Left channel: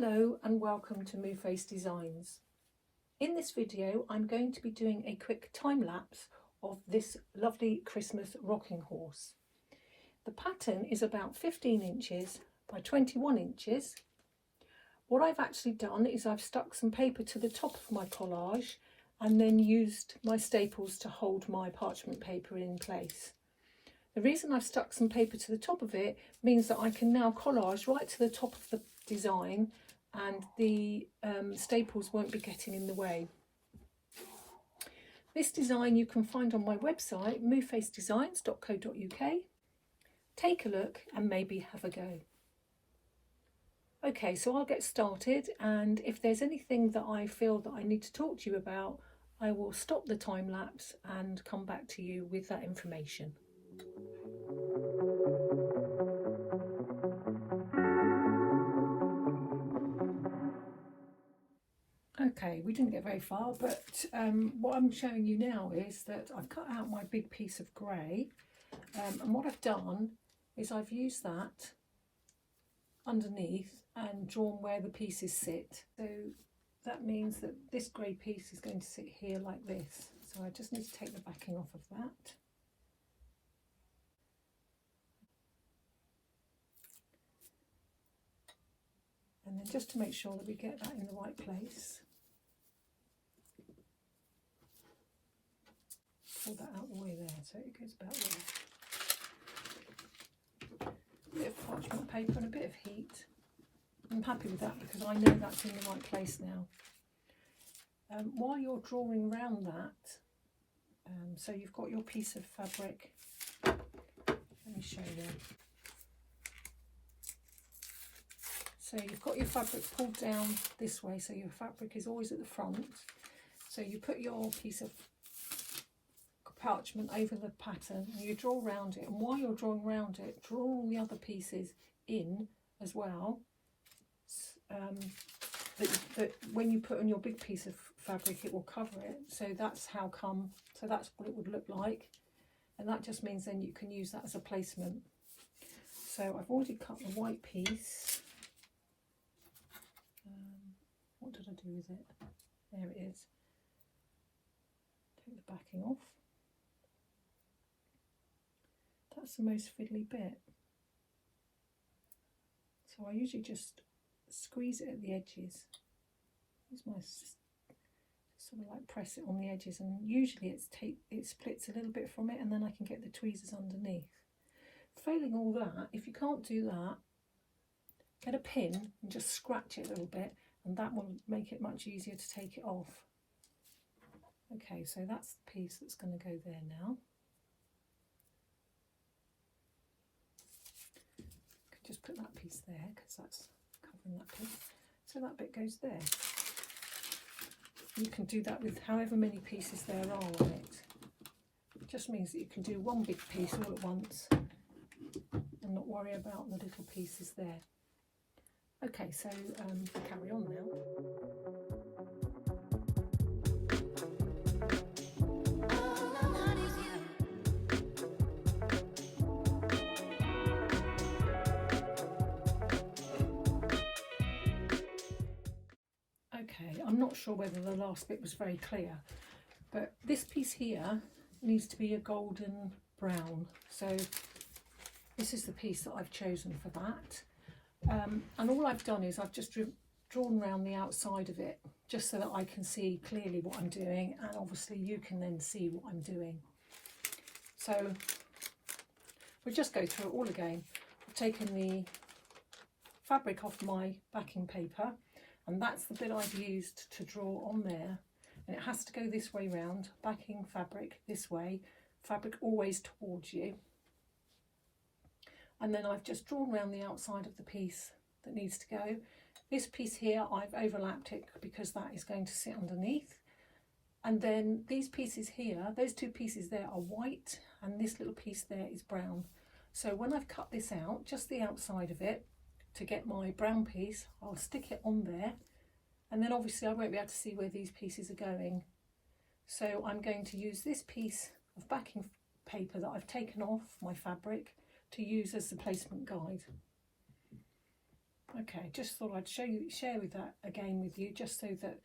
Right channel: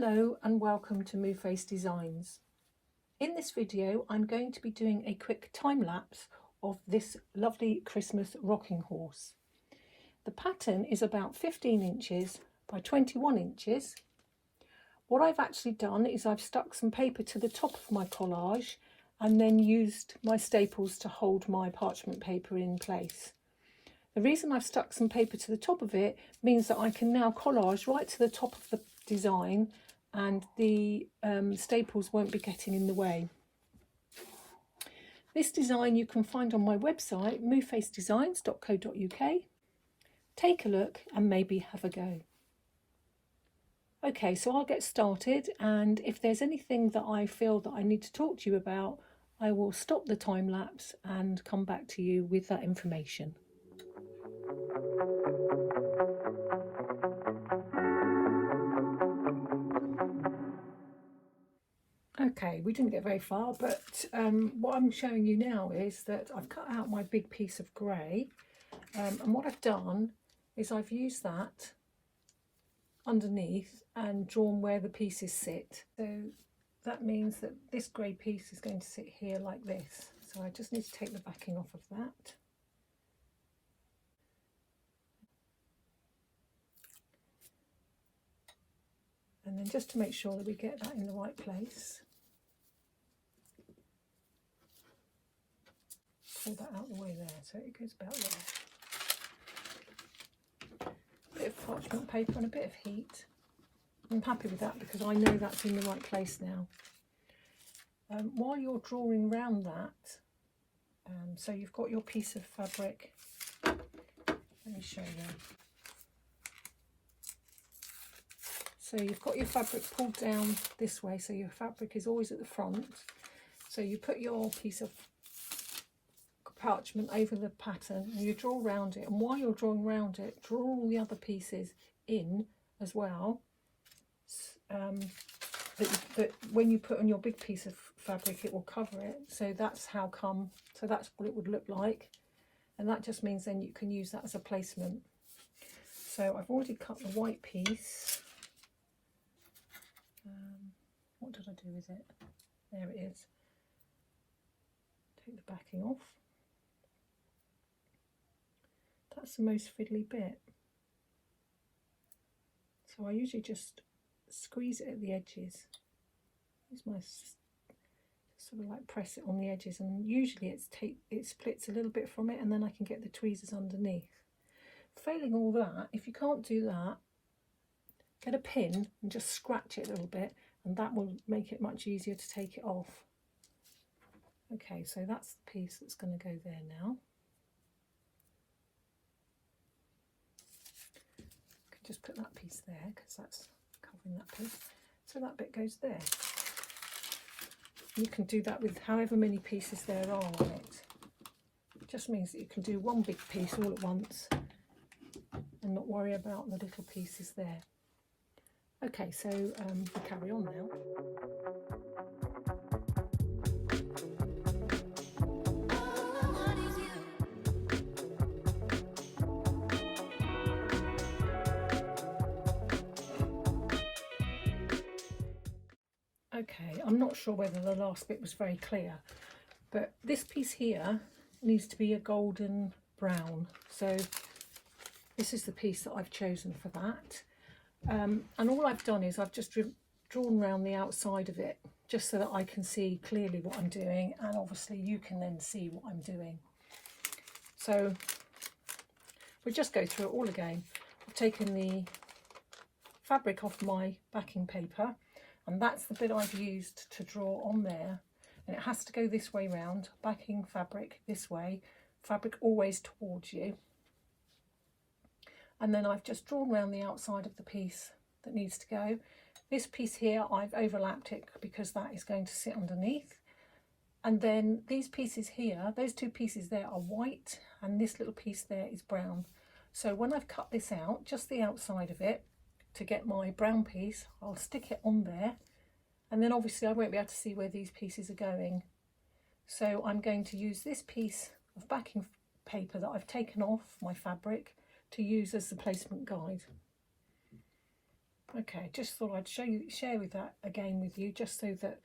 Hello and welcome to Moveface Designs. In this video I'm going to be doing a quick time lapse of this lovely Christmas rocking horse. The pattern is about 15 inches by 21 inches. What I've actually done is I've stuck some paper to the top of my collage and then used my staples to hold my parchment paper in place. The reason I've stuck some paper to the top of it means that I can now collage right to the top of the design and the staples won't be getting in the way. This design you can find on my website movefacedesigns.co.uk. Take a look and maybe have a go. Okay, so I'll get started, and if there's anything that I feel that I need to talk to you about, I will stop the time lapse and come back to you with that information. Okay, we didn't get very far, but what I'm showing you now is that I've cut out my big piece of grey, and what I've done is I've used that underneath and drawn where the pieces sit. So that means that this grey piece is going to sit here like this. So I just need to take the backing off of that. And then just to make sure that we get that in the right place, pull that out the way there so it goes about there. A bit of parchment paper and a bit of heat. I'm happy with that because I know that's in the right place now. While you're drawing round that, so you've got your piece of fabric, let me show you. So you've got your fabric pulled down this way, so your fabric is always at the front. So you put your piece of parchment over the pattern and you draw around it, and while you're drawing around it, draw all the other pieces in as well. But when you put on your big piece of fabric, it will cover it. So that's how come, so that's what it would look like. And that just means then you can use that as a placement. So I've already cut the white piece. What did I do with it? There it is. Take the backing off. That's the most fiddly bit. So I usually just squeeze it at the edges. Use my sort of like press it on the edges, and usually it splits a little bit from it, and then I can get the tweezers underneath. Failing all that, if you can't do that, get a pin and just scratch it a little bit, and that will make it much easier to take it off. Okay, so that's the piece that's going to go there now. I can just put that piece there because that's covering that piece. So that bit goes there. You can do that with however many pieces there are on it. It just means that you can do one big piece all at once and not worry about the little pieces there. Okay, so we'll carry on now. Okay, I'm not sure whether the last bit was very clear, but this piece here needs to be a golden brown. So this is the piece that I've chosen for that. And all I've done is I've just drawn around the outside of it just so that I can see clearly what I'm doing, and obviously you can then see what I'm doing. So we'll just go through it all again. I've taken the fabric off my backing paper, and that's the bit I've used to draw on there, and it has to go this way round, backing fabric this way, fabric always towards you. And then I've just drawn around the outside of the piece that needs to go. This piece here, I've overlapped it because that is going to sit underneath. And then these pieces here, those two pieces there are white, and this little piece there is brown. So when I've cut this out, just the outside of it, to get my brown piece, I'll stick it on there. And then obviously I won't be able to see where these pieces are going. So I'm going to use this piece of backing paper that I've taken off my fabric to use as the placement guide. Okay, just thought I'd share with that again with you, just so that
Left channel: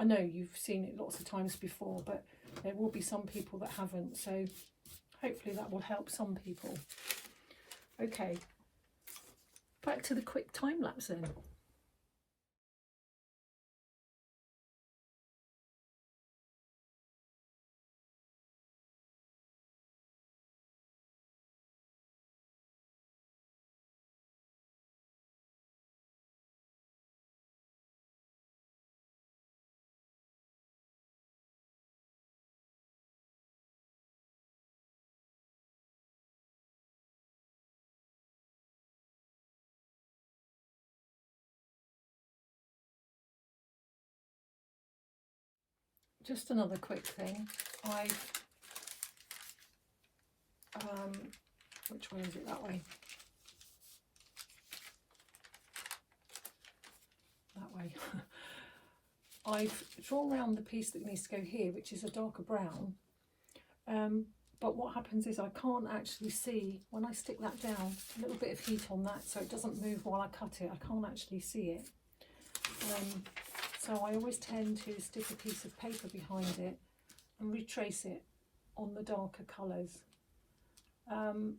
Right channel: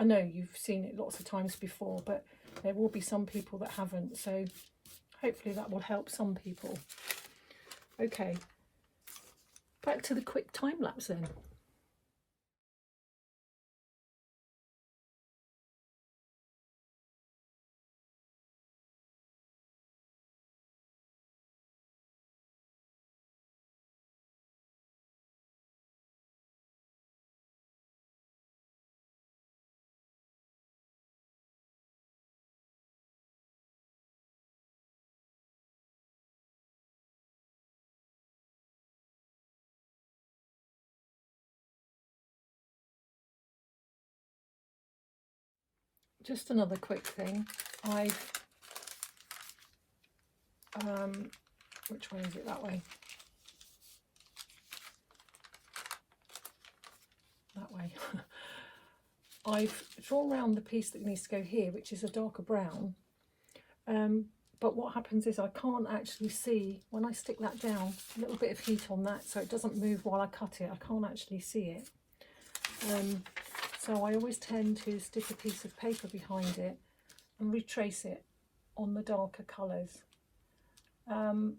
I know you've seen it lots of times before, but there will be some people that haven't, so hopefully that will help some people. Okay, back to the quick time lapse then. Just another quick thing, I've which way is it? That way. That way. I've drawn around the piece that needs to go here, which is a darker brown, but what happens is I can't actually see when I stick that down, a little bit of heat on that so it doesn't move while I cut it. I can't actually see it, so I always tend to stick a piece of paper behind it and retrace it on the darker colours. And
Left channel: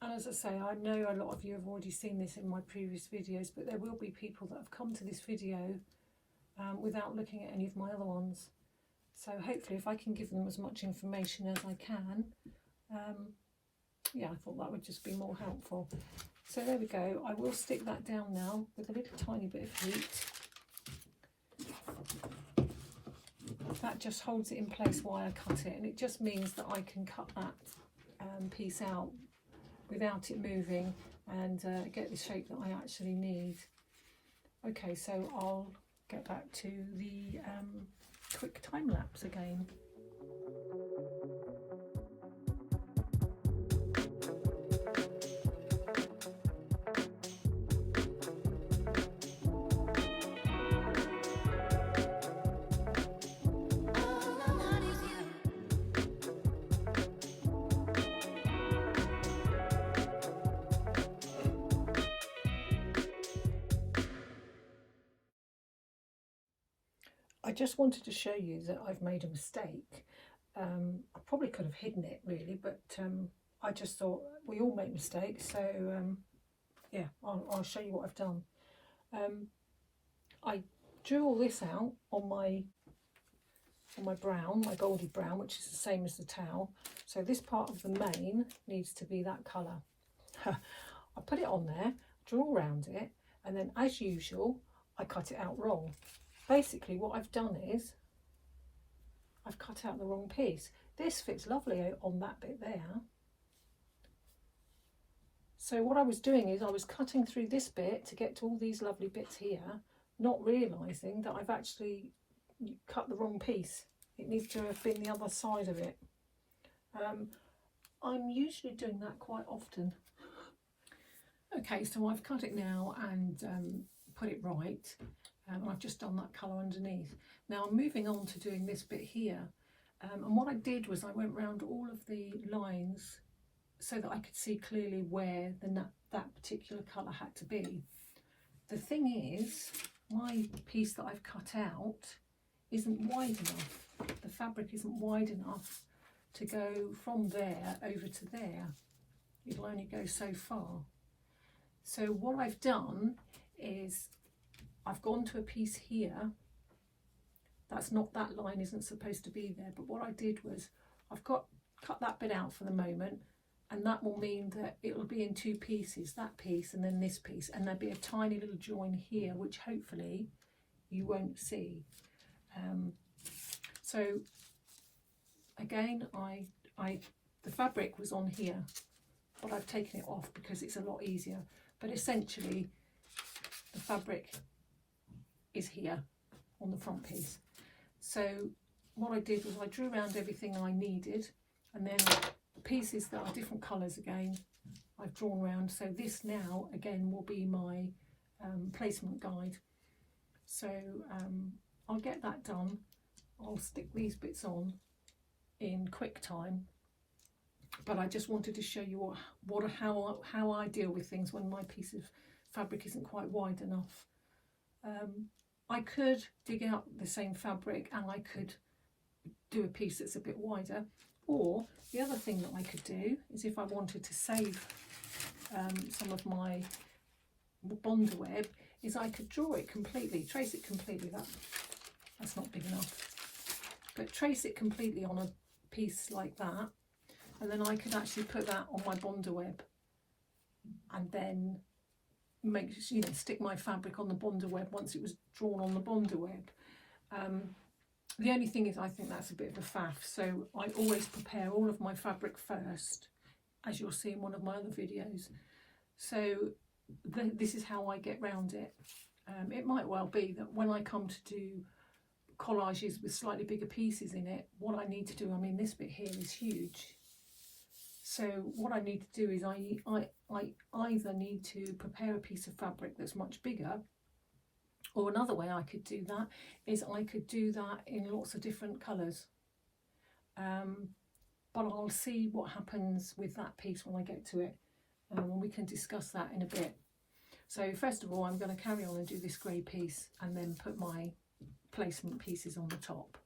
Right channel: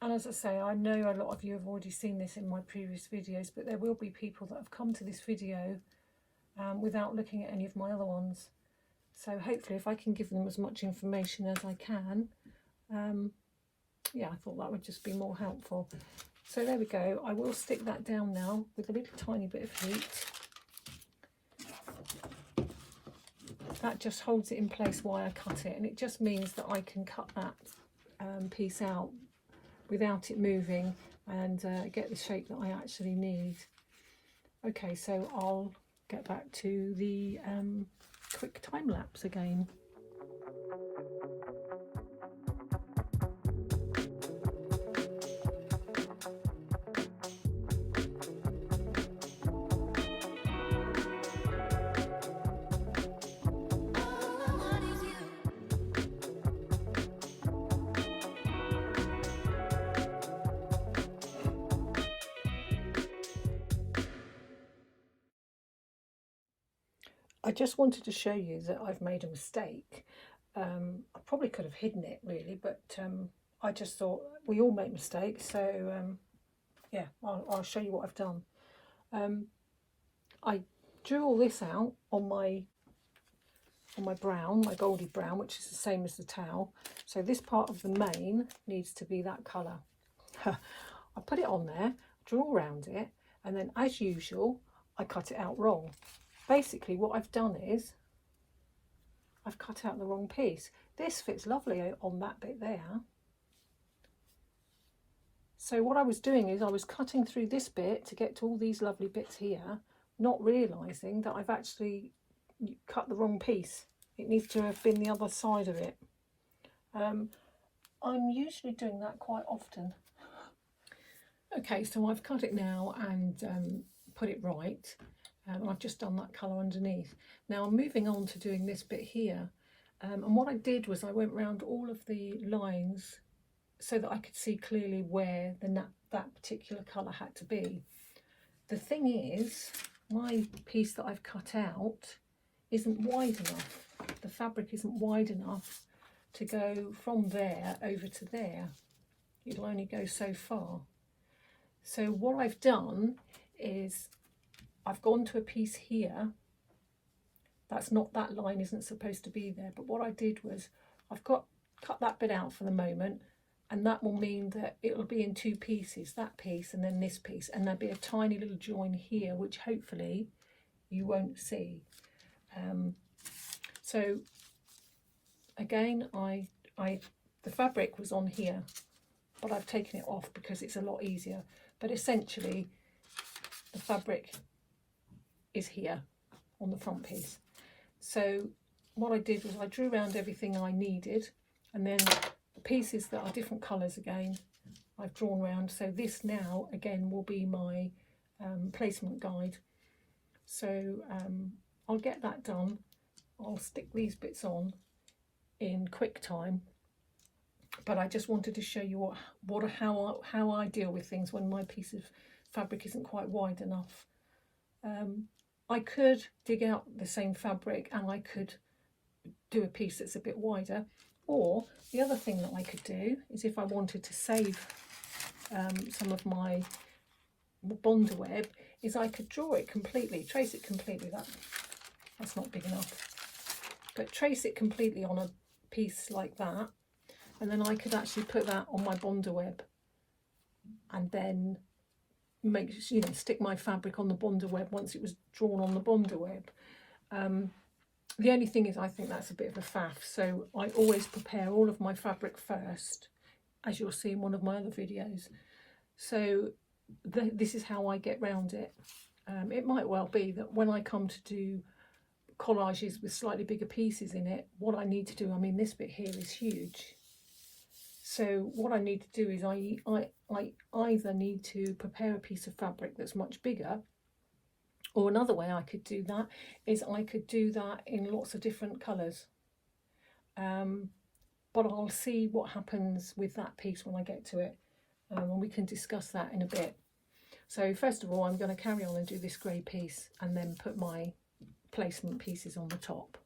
as I say, I know a lot of you have already seen this in my previous videos, but there will be people that have come to this video without looking at any of my other ones. So hopefully if I can give them as much information as I can, yeah, I thought that would just be more helpful. So there we go. I will stick that down now with a little tiny bit of heat. That just holds it in place while I cut it, and it just means that I can cut that piece out without it moving and get the shape that I actually need. Okay, so I'll get back to the quick time lapse again. I just wanted to show you that I've made a mistake. I probably could have hidden it really, but I just thought we all make mistakes, so yeah, I'll show you what I've done. I drew all this out on my brown, my goldy brown, which is the same as the towel. So this part of the mane needs to be that colour. I put it on there, draw around it, and then as usual, I cut it out wrong. Basically what I've done is I've cut out the wrong piece. This fits lovely on that bit there. So what I was doing is I was cutting through this bit to get to all these lovely bits here, not realising that I've actually cut the wrong piece. It needs to have been the other side of it. I'm usually doing that quite often. Okay, so I've cut it now and put it right. And I've just done that colour underneath. Now I'm moving on to doing this bit here, and what I did was I went round all of the lines so that I could see clearly where that particular colour had to be. The thing is, my piece that I've cut out isn't wide enough. The fabric isn't wide enough to go from there over to there. It'll only go so far. So what I've done is I've gone to a piece here. That's not, that line isn't supposed to be there, but what I did was I've cut that bit out for the moment, and that will mean that it'll be in two pieces, that piece and then this piece, and there'll be a tiny little join here which hopefully you won't see. So again, the fabric was on here, but I've taken it off because it's a lot easier. But essentially the fabric is here on the front piece. So what I did was I drew around everything I needed, and then the pieces that are different colours again I've drawn around. So this now again will be my placement guide. So I'll get that done. I'll stick these bits on in QuickTime, but I just wanted to show you how I deal with things when my piece of fabric isn't quite wide enough. I could dig out the same fabric and I could do a piece that's a bit wider, or the other thing that I could do is, if I wanted to save some of my Bonder web, is I could draw it completely, trace it completely. That's not big enough, but trace it completely on a piece like that, and then I could actually put that on my Bonder web and then make, you know, stick my fabric on the Bonder web once it was drawn on the Bonder web. The only thing is, I think that's a bit of a faff, so I always prepare all of my fabric first, as you'll see in one of my other videos. So this is how I get round it. It might well be that when I come to do collages with slightly bigger pieces in it, what I need to do, I mean, this bit here is huge. So what I need to do is I either need to prepare a piece of fabric that's much bigger, or another way I could do that is I could do that in lots of different colours. But I'll see what happens with that piece when I get to it, and we can discuss that in a bit. So first of all, I'm going to carry on and do this grey piece and then put my placement pieces on the top.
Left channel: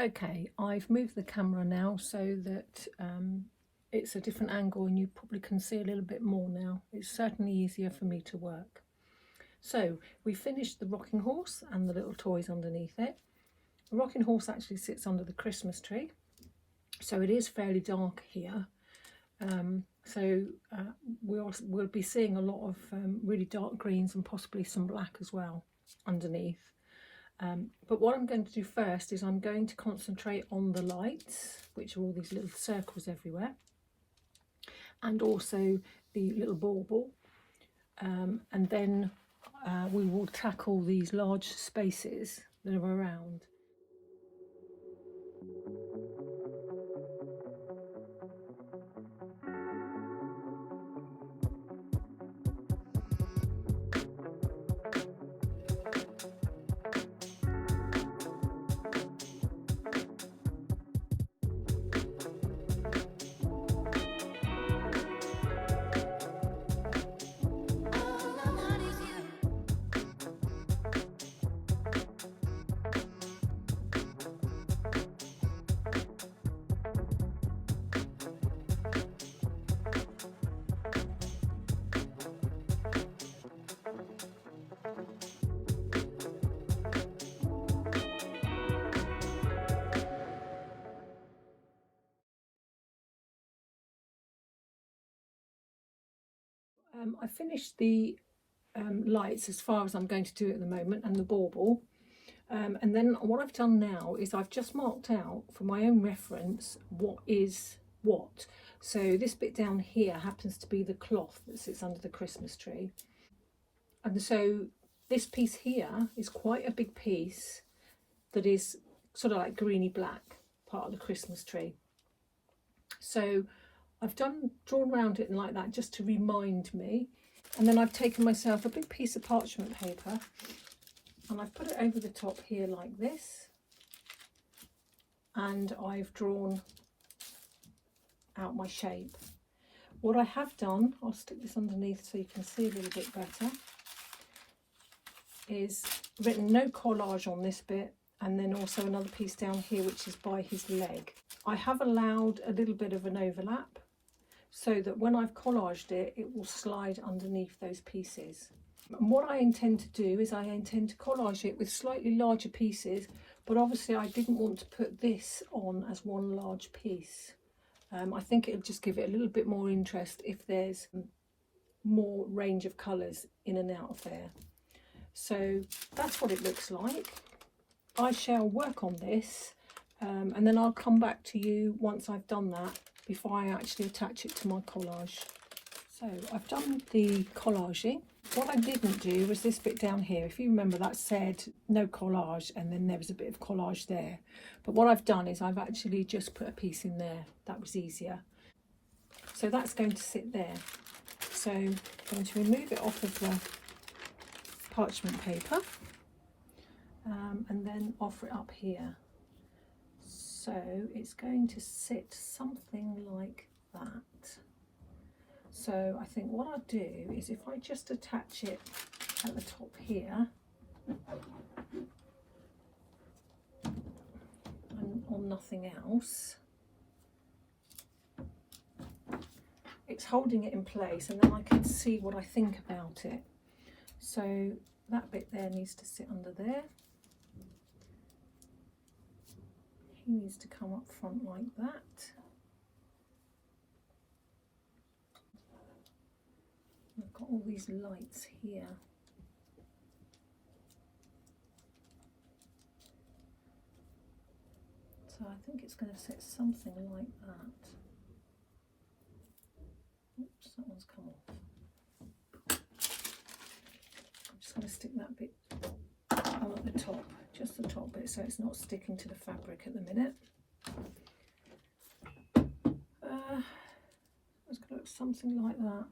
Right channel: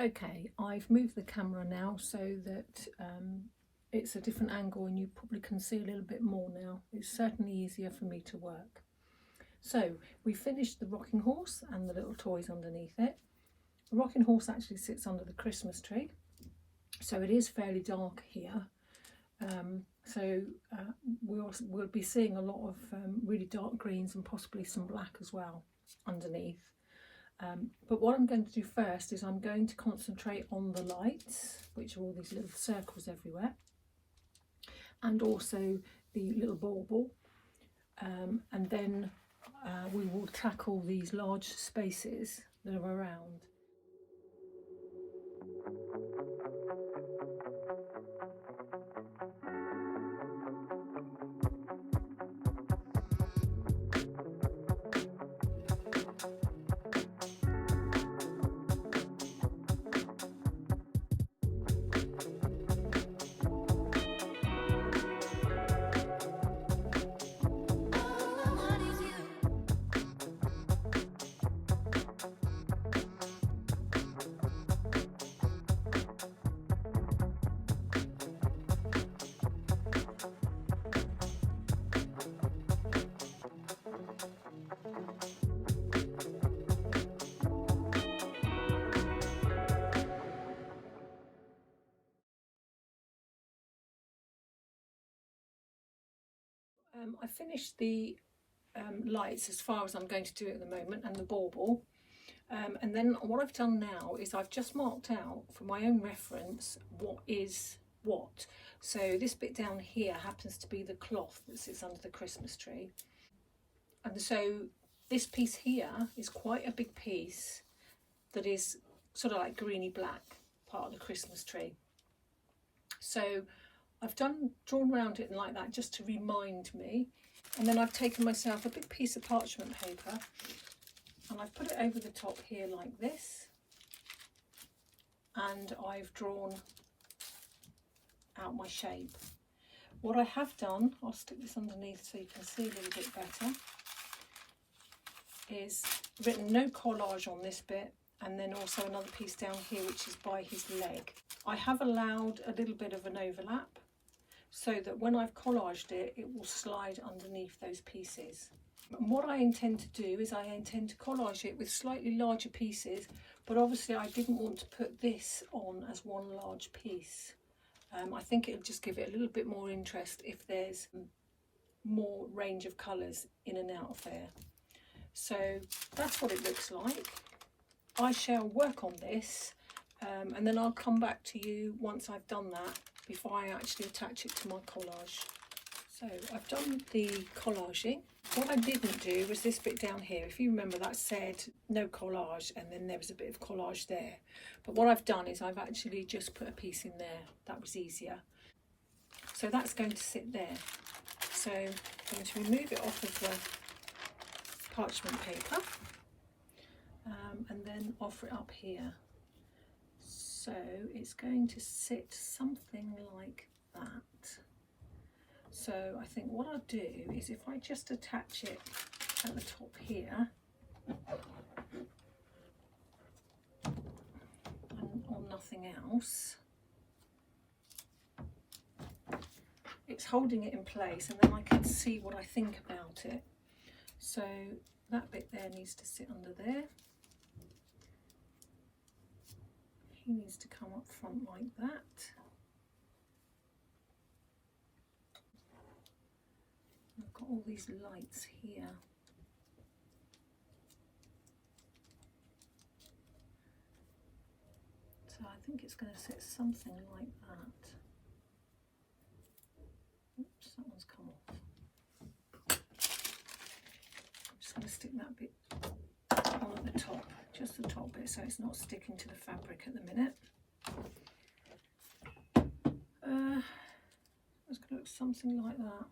Okay, I've moved the camera now so that it's a different angle and you probably can see a little bit more now. It's certainly easier for me to work. So we finished the rocking horse and the little toys underneath it. The rocking horse actually sits under the Christmas tree, so it is fairly dark here. We'll be seeing a lot of really dark greens and possibly some black as well underneath. But what I'm going to do first is I'm going to concentrate on the lights, which are all these little circles everywhere, and also the little bauble, and then we will tackle these large spaces that are around. I finished the lights as far as I'm going to do at the moment, and the bauble. And then what I've done now is I've just marked out for my own reference what is what. So this bit down here happens to be the cloth that sits under the Christmas tree. And so this piece here is quite a big piece that is sort of like greeny black, part of the Christmas tree. So I've drawn around it like that just to remind me. And then I've taken myself a big piece of parchment paper and I've put it over the top here like this. And I've drawn out my shape. What I have done, I'll stick this underneath so you can see a little bit better, is written no collage on this bit, and then also another piece down here which is by his leg. I have allowed a little bit of an overlap so that when I've collaged it, it will slide underneath those pieces. And what I intend to do is I intend to collage it with slightly larger pieces, but obviously I didn't want to put this on as one large piece. I think it'll just give it a little bit more interest if there's more range of colours in and out of there. So that's what it looks like. I shall work on this and then I'll come back to you once I've done that before I actually attach it to my collage. So I've done the collaging. What I didn't do was this bit down here. If you remember, that said no collage and then there was a bit of collage there. But what I've done is I've actually just put a piece in there. That was easier. So that's going to sit there. So I'm going to remove it off of the parchment paper and then offer it up here. So it's going to sit something like that. So I think what I'll do is if I just attach it at the top here and on nothing else, it's holding it in place and then I can see what I think about it. So that bit there needs to sit under there. He needs to come up front like that. I've got all these lights here. So I think it's going to sit something like that. Oops, that one's come off. I'm just going to stick that bit on at the top, just the top bit, so it's not sticking to the fabric at the minute. It's going to look something like that.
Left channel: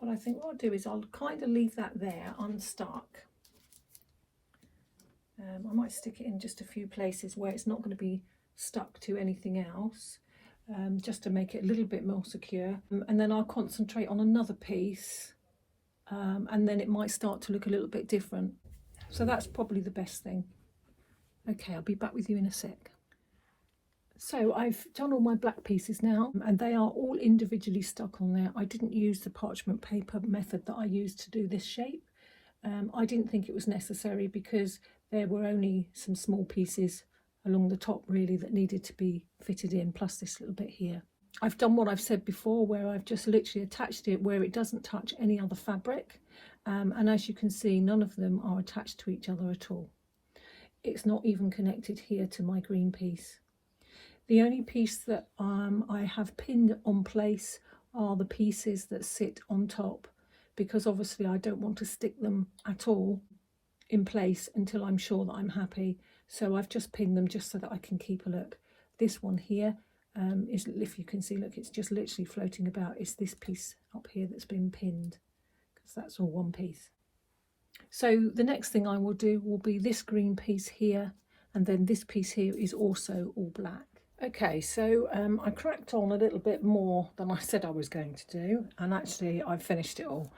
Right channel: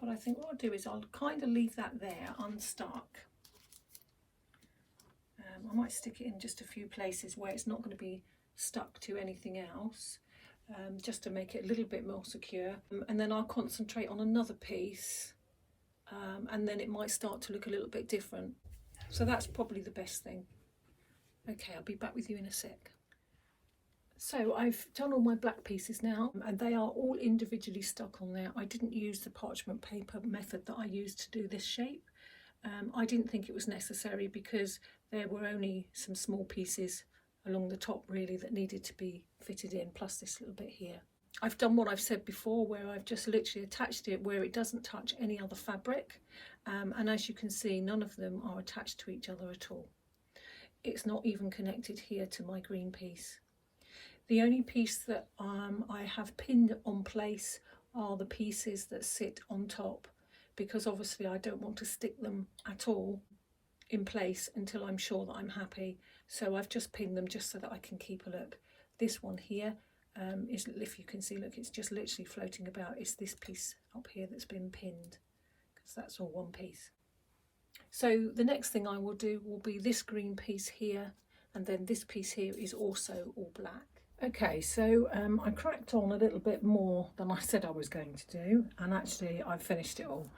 But I think what I'll do is I'll kind of leave that there unstuck. I might stick it in just a few places where it's not going to be stuck to anything else, just to make it a little bit more secure. And then I'll concentrate on another piece and then it might start to look a little bit different. So that's probably the best thing. Okay, I'll be back with you in a sec. So I've done all my black pieces now and they are all individually stuck on there. I didn't use the parchment paper method that I used to do this shape. I didn't think it was necessary because there were only some small pieces along the top really that needed to be fitted in, plus this little bit here. I've done what I've said before where I've just literally attached it where it doesn't touch any other fabric. And as you can see, none of them are attached to each other at all. It's not even connected here to my green piece. The only piece that I have pinned on place are the pieces that sit on top, because obviously I don't want to stick them at all in place until I'm sure that I'm happy. So I've just pinned them just so that I can keep a look. This one here is, if you can see, look, it's just literally floating about. It's this piece up here that's been pinned, because that's all one piece. So the next thing I will do will be this green piece here, and then this piece here is also all black. Okay, so I cracked on a little bit more than I said I was going to do, and actually I've finished it all.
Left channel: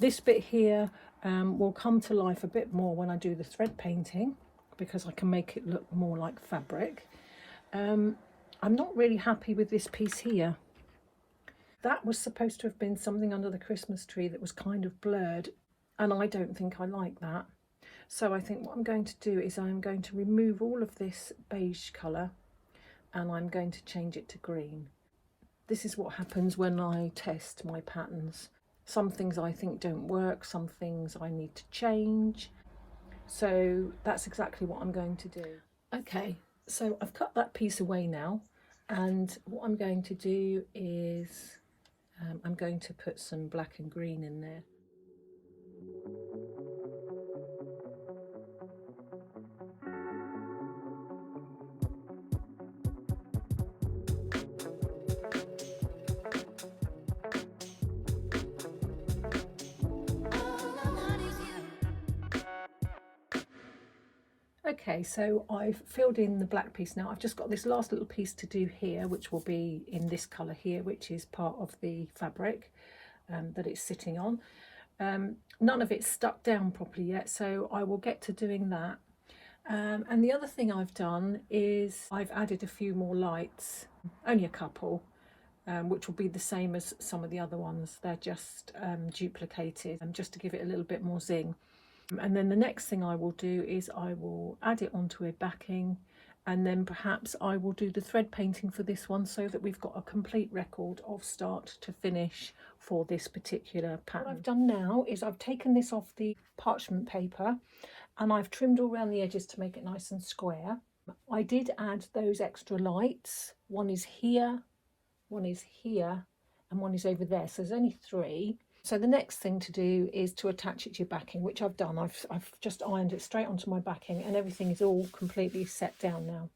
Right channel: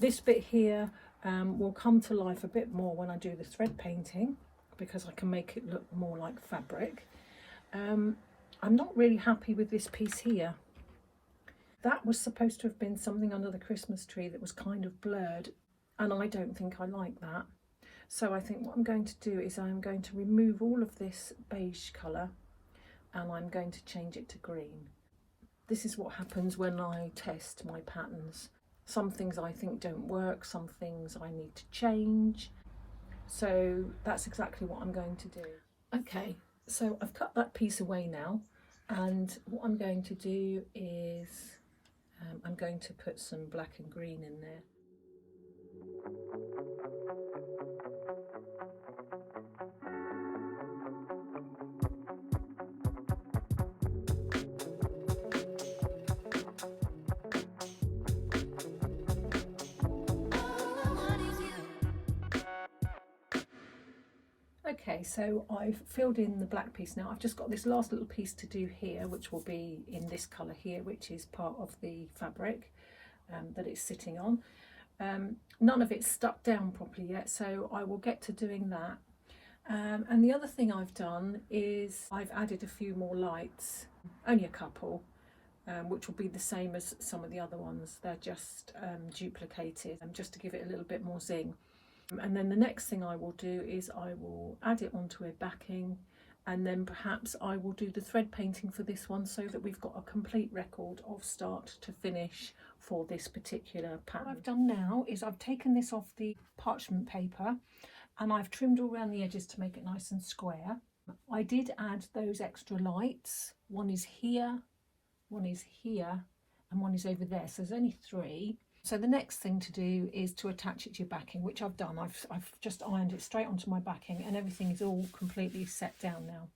This bit here will come to life a bit more when I do the thread painting, because I can make it look more like fabric. I'm not really happy with this piece here. That was supposed to have been something under the Christmas tree that was kind of blurred, and I don't think I like that. So I think what I'm going to do is I'm going to remove all of this beige colour. and I'm going to change it to green. This is what happens when I test my patterns. Some things I think don't work, some things I need to change. So that's exactly what I'm going to do. Okay, so I've cut that piece away now, and what I'm going to do is I'm going to put some black and green in there. Okay, so I've filled in the black piece now. I've just got this last little piece to do here, which will be in this colour here, which is part of the fabric that it's sitting on. None of it's stuck down properly yet, so I will get to doing that. And the other thing I've done is I've added a few more lights, only a couple, which will be the same as some of the other ones. They're just duplicated, just to give it a little bit more zing. And then the next thing I will do is I will add it onto a backing, and then perhaps I will do the thread painting for this one, so that we've got a complete record of start to finish for this particular pattern. What I've done now is I've taken this off the parchment paper and I've trimmed all around the edges to make it nice and square. I did add those extra lights. One is here, one is here, and one is over there, so there's only 3. So the next thing to do is to attach it to your backing, which I've done. I've just ironed it straight onto my backing, and everything is all completely set down now.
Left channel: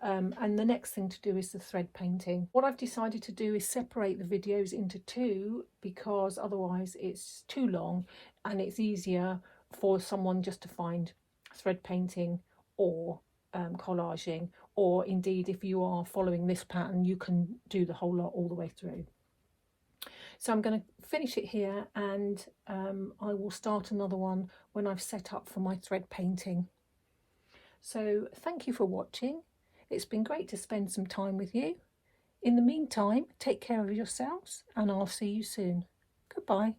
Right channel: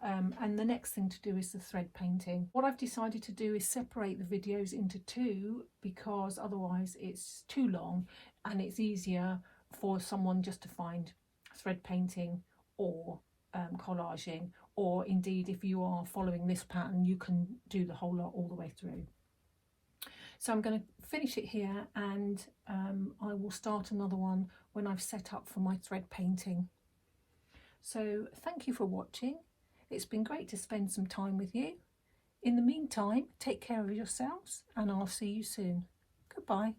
And the next thing to do is the thread painting. What I've decided to do is separate the videos into 2, because otherwise it's too long, and it's easier for someone just to find thread painting or collaging, or indeed if you are following this pattern you can do the whole lot all the way through. So I'm going to finish it here, and I will start another one when I've set up for my thread painting. So thank you for watching. It's been great to spend some time with you. In the meantime, take care of yourselves, and I'll see you soon. Goodbye.